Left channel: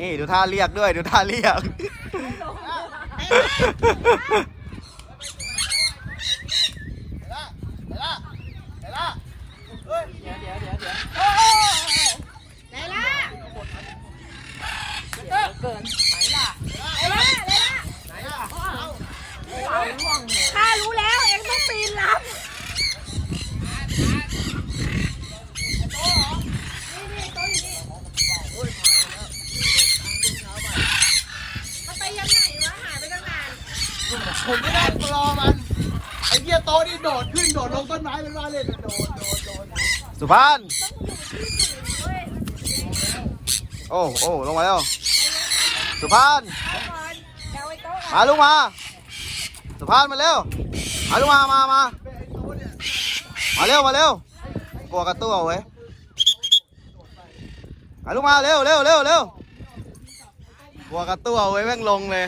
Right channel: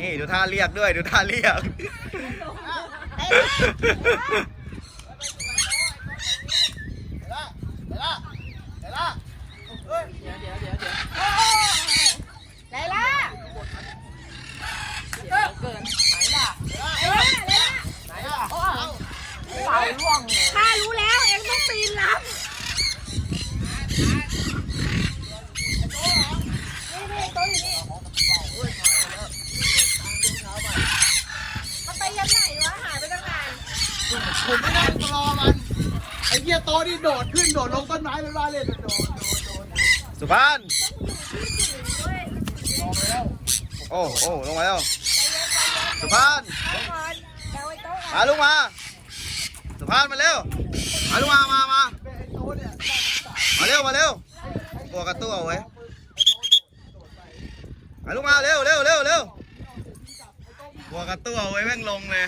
นี่ดูท่าเรียกด้วยดูท่าเรียกไหนล่ะเกินไหนล่ะไหนล่ะไหนล่ะข้ารู้แล้วเองต้องปีนรับมันไปยังไหนวะหายไปตั้งนาน ผมไม่ได้รอมันไอ้เหี้ยโตะนี่โดดขึ้นโดดลงต้นไม้เป็นว่าเล่นโดดโดดโดดสุพานโอ้โอ้ลงมาแล้วสุพานแกไว้โต๊ะมาลูกมาสุพานมาเร็วมาลูกมามามามาเร็วมาเร็วกลัวกระตู้เอาไว้มาลูกมาเร็วเร็วเร็วเร็วกลัวกระตู้เอาไว้แม่งลงเลย